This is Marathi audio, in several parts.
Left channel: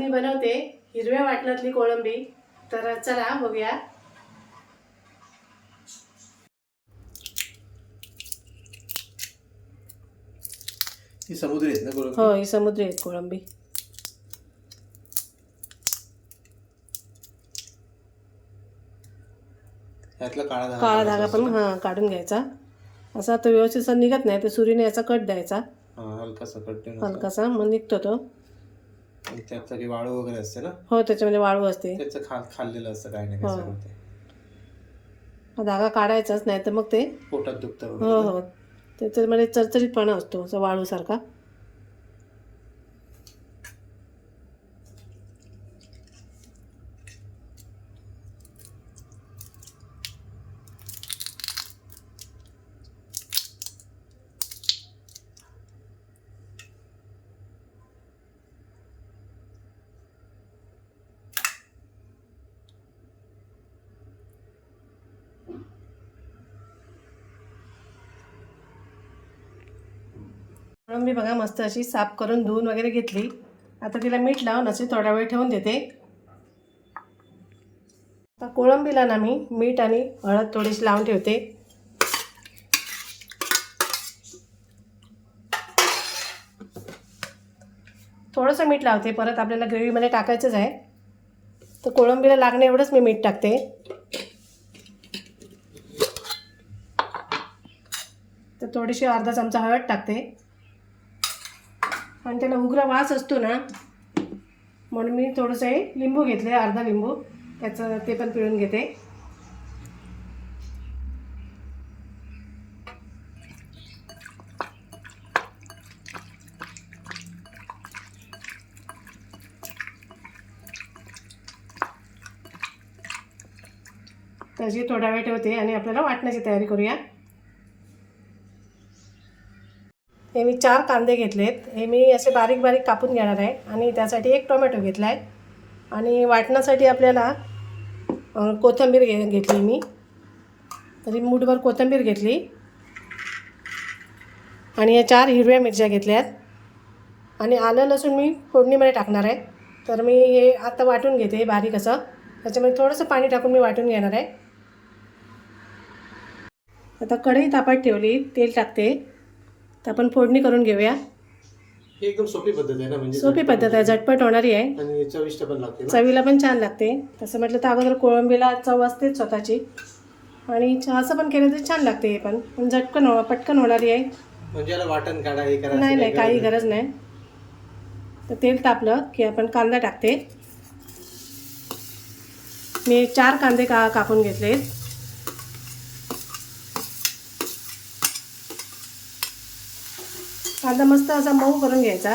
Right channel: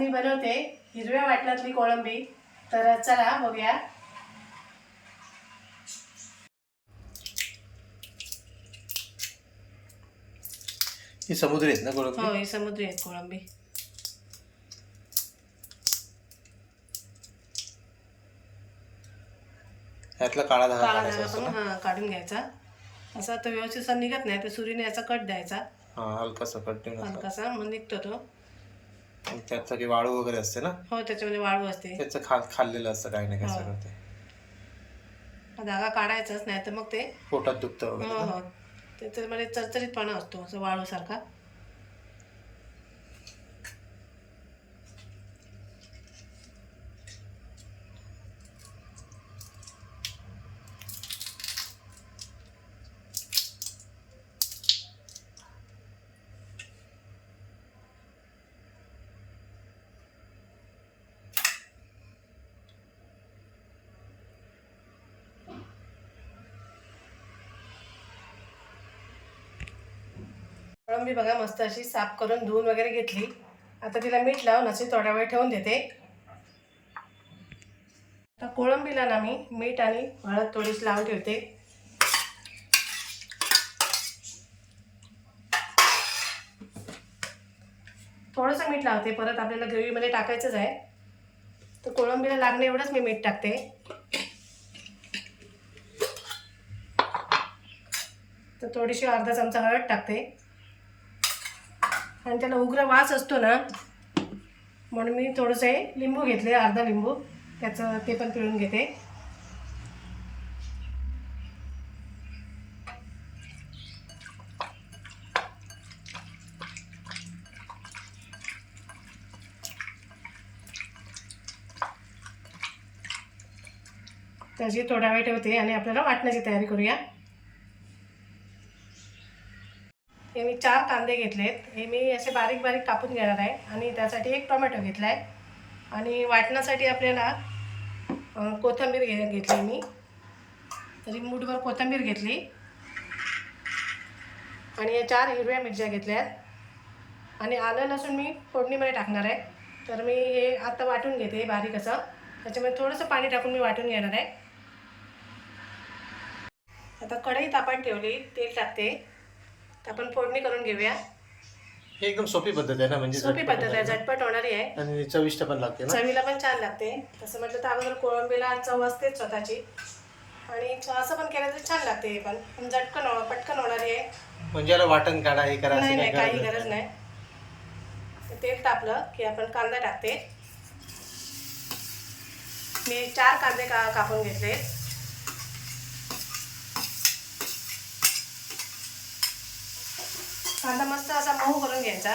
मी बनवते हिरव्या वाटणातली कोळंबी. तर चला बघूया. ही समुद्री आहेत ना कोळंबी? हो, ही समुद्री आहेत कोळंबी. ह्यातला काळा काळा धागा पण काढून घ्यायचा. असा तो व्यवस्थित निघत नाही, तर सुरीने याचा कट द्यायचा. हलकासा कट हलकासा मग निघतो तो. त्यात सगळी वाळू वगैरे असते ना? हो, त्याच्यामध्ये वाळू असते. त्याचं खाल्लेलं असतं काही नाही काय. धागा काढायचाच नाही तर मग ते पोटात दुखतं हो वगैरे. हो, त्याच्यामध्ये चरचरीतपणा असतो असं वाळूसारखा. कोळंबी बघा मस्त अशी साफ करून धुवून वगैरे घेतली. आता तिला मीठ लावून अशी थोडा वेळ ठेवून देते. आता कोळंबीला ना मी मीठ आणि हळद थोडीशी लावून ठेवते. थोडंसं मीठ लावते, परत आपल्याला ग्रेव्हीमध्ये टाकायचंच आहे. तर कोळंबीला लागणे एवढंच मी मीठ टाकते. तर थोडीशी अर्धा चमचा हळद टाकते. आणि त्याला उग्र वास असतो ना, म्हणून मी थोडंसं लिंबू घेतले, अर्धा लिंबू, त्याचं ते पण पिळून घेते. त्याची थोडा वेळ ठेवते आणि आपल्याला वाटण्याची तयारी करूया. हे मी 4 कांदे घेतलेत. हे मी असे बारीक बारीक कापून घेणार आहे. आणि त्यासाठी 1 टोमॅटो घेतला आहे. आणि वाटण्यासाठी आपल्याला कोथिंबीर घेतली मी, तरी मूठभर कोथिंबीर घेतली. आणि या 4 हिरव्या मिरच्या घेतल्यात. आणि आलं लसूण मी फोडणीमध्ये टाकणार आहे. तर मी हे आता वाटून घेते बारीक असं. त्याच्यामध्ये थोडंसं पाणी टाकून मी वाटून घेणार आहे. आता कढई तापत ठेवली, तेल टाकते. तर आपण फोडणी करून घेऊया. ही एकदम सोपी पद्धत आहे ना? म्हणजे सोपी पद्धत आहे, झटपट होणारी आहे आणि चविष्ट पण लागते ना? चवीला पण छान लागते. तसं म्हटलं तर अगोदर कोळंबीला चव असते स्वतःची. आणि असं पण केलं तरी छान लागते. हे पण पटकन होणारी आहे. म्हणजे याला वाटण काढा हे करा नाही नाही, काही गरज नाही. तर तेल तापलं की आपण कांदा टाकते. मी 4 कांदे कापून घेतले. कांदा मस्त असा मऊ करून घ्यायचा.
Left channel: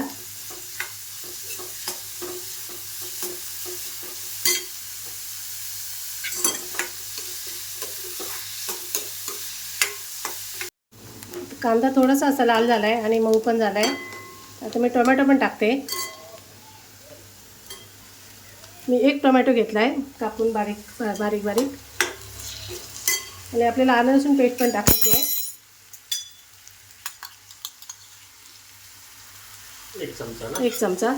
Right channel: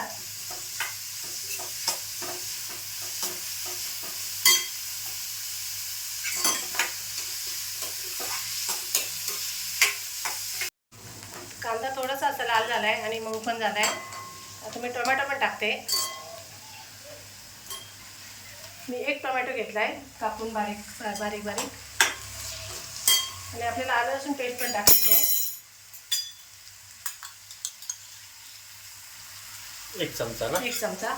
कांदा थोडासा असा लाल झाला आहे आणि मऊ पण झाला आहे. आता मी टोमॅटो पण टाकते. मी 1 टोमॅटो घेतला आहे कापून बारीक बारीक बारीक. आणि आपल्याला आलं लसूण पेस्ट पण टाकायची आहे. 1 चमचा ना? 1 चमचा.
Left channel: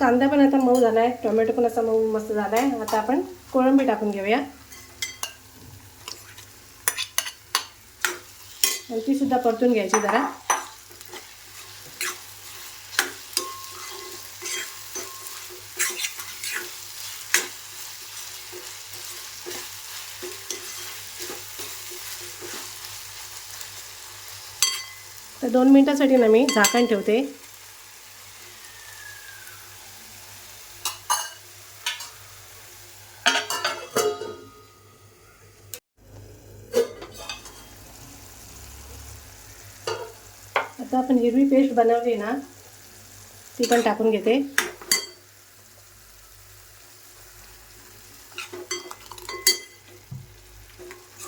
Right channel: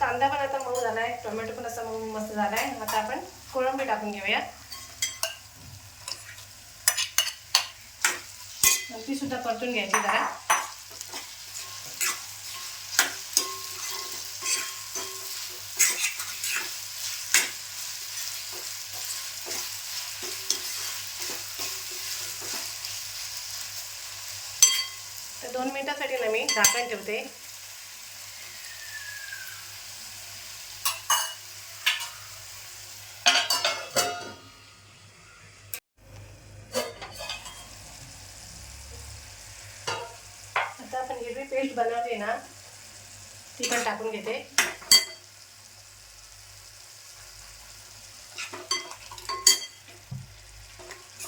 कांदा पण आता मऊ झाला आहे, टोमॅटो पण असा मऊ मस्त झाला आहे. आता आपण कोळंबी टाकून घेऊया. ती सुद्धा परतून घ्यायची जरा. तर 2 मिनिटासाठी ना मी झाकण ठेवते. आता आपण हिरवी पेस्ट बनवली ना, ती पण टाकून घेते.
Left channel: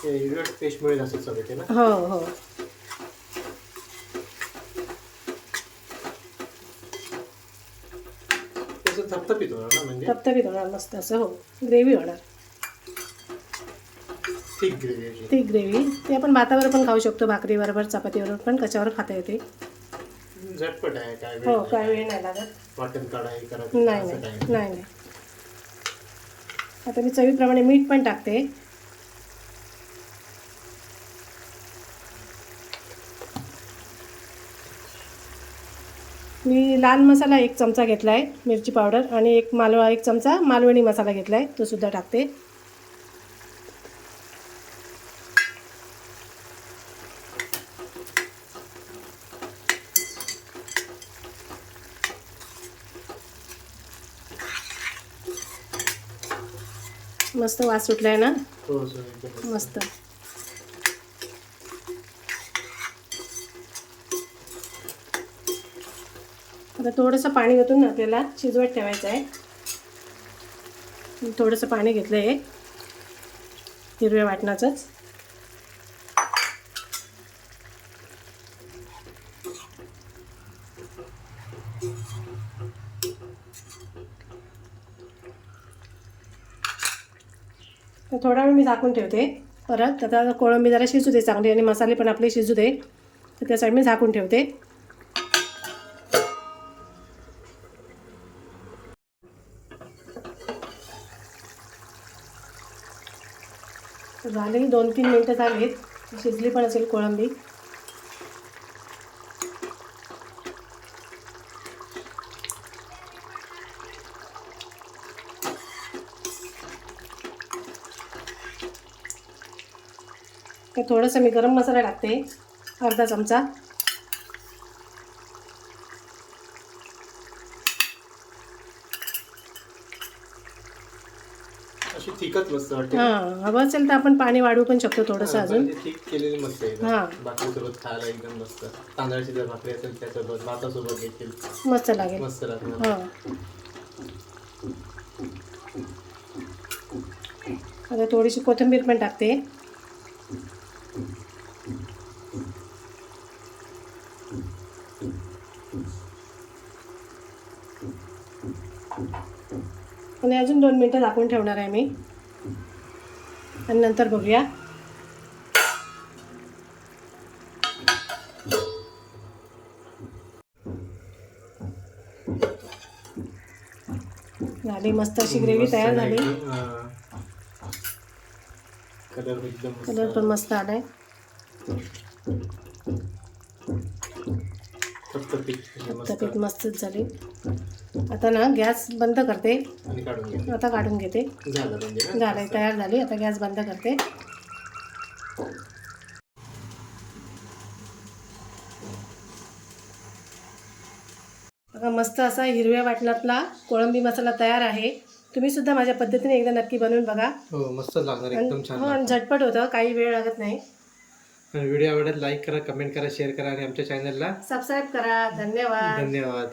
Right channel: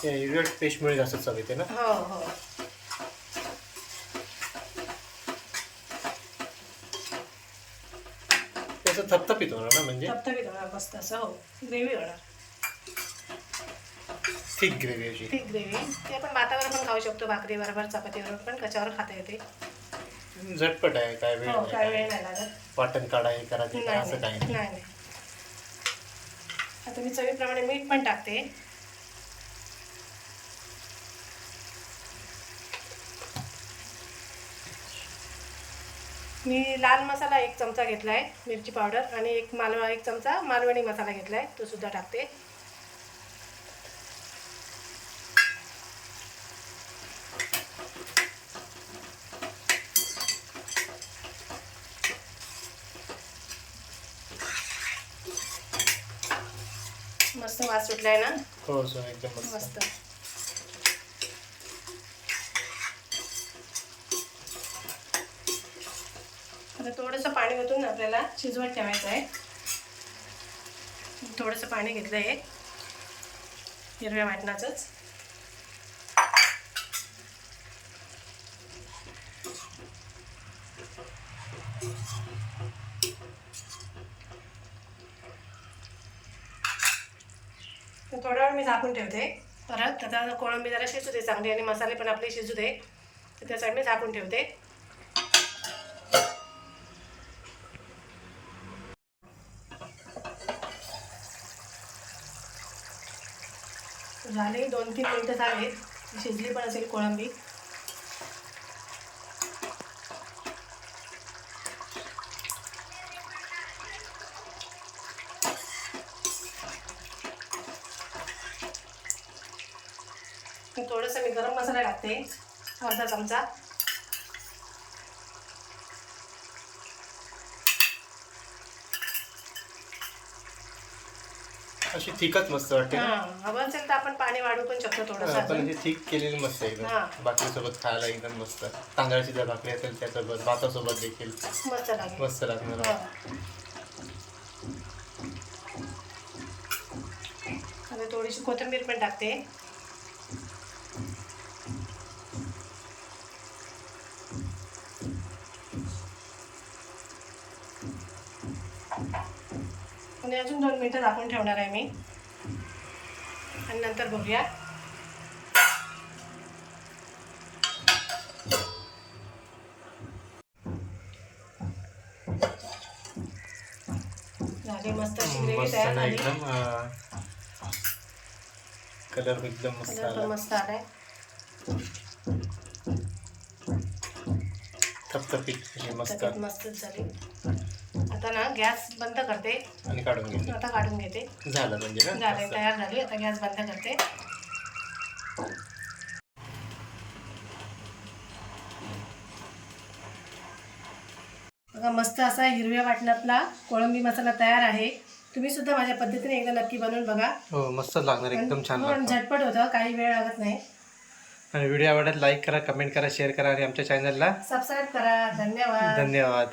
हिरव्या पेस्टमुळे जास्त चव येते ना? हो हो. त्याचं थपथपीत होणार ना? म्हणजे थपथपीत होणार मस्त असं. हो, ग्रेव्ही होणार. थिक ग्रेव्ही अशी. ती ग्रेव्ही ती आपण भातावर पण खाऊ शकतो, भाकरीबरोबर चपातीबरोबर पण कशावर खाता येते. झटपट आहे, काय वेळ हो, नाही. काय वेळ नाही लागत. वाटण काढा हे करा ते करा नाही असं काय नाही नाही. आता मी चवीप्रमाणे मीठ पण टाकते. मी लाल मसाला 1 चमचा घेतला आहे, मिरची पावडर, आणि 1 चमचा मालवणी मसाला घेतला आहे, तो सुद्धा टाकते. मस्त वास सुटलाय ना. हो सर, एकदम मस्त. आता थोडंसं पाणी ओतून आपल्याला शिजवत ठेवायचं आहे. थोडंसं पाणी घेतलं आहे हिरव्या वाटणाचंच. थोडा वेळ मी झाकून ठेवते. परत आता कोळंबी जरा शिजू दे चांगली, आणि मसाले पण आपले शिजू दे, तर त्यासाठी मी झाकून ठेवते. झाली 2-3 मिनटं झालीत, शिजली पण असेल कोळंबी. तर थोडासा मी गरम मसाला टाकते, अर्धा चमचा. अशी थिकच मस्त वाटते ना. हां, हवं असेल तर आपण पाणी वाढवू पण शकतो थोडंसं हा, अजून. पण थिक केलेली मस्त आहे हां. एकदम. भाकरीसोबत खायला एकदम मस्त. तांदळाची जर भाकरी असेल त्यासोबत, भातासोबत देखील मस्त लागेल. मस्त लागणार. हो. आता थोडीशी कोथिंबीर पण टाकते. आणि अजून 2 मिनटं झाकून ठेवणार आहे मी, आणि नंतर बघूया. झाली मस्त अशी ग्रेव्ही मस्त तयार ना झाली. एकदम. कलर एकदम मस्त कलर पण आला. मस्त आलाय. थपथपीत अशी मस्त तर मस्तच झाली. आता ना गॅस बंद करते. आणि काढून घेते. आता काढून घेते. झालं म्हणजे ना. झालंय, तयार झाली. आता गॅस बंद करते. बघा, मस्त असा हिरव्या वाटणातला कोळंबी मसाला तयार आहे. तुम्ही सुद्धा माझ्या पद्धतीने एकदा नक्की बनवून बघा. हो, मस्त लागणार, एकदम छान हो, लागतं. झटपट होतं, काही वेळ लागत नाही. आणि व्हिडिओ आवडल्यास लाईक करा, कमेंट करा, शेअर करा, आणि आमच्या चॅनलला सबस्क्राईब करा. धन्यवाद. धन्यवाद.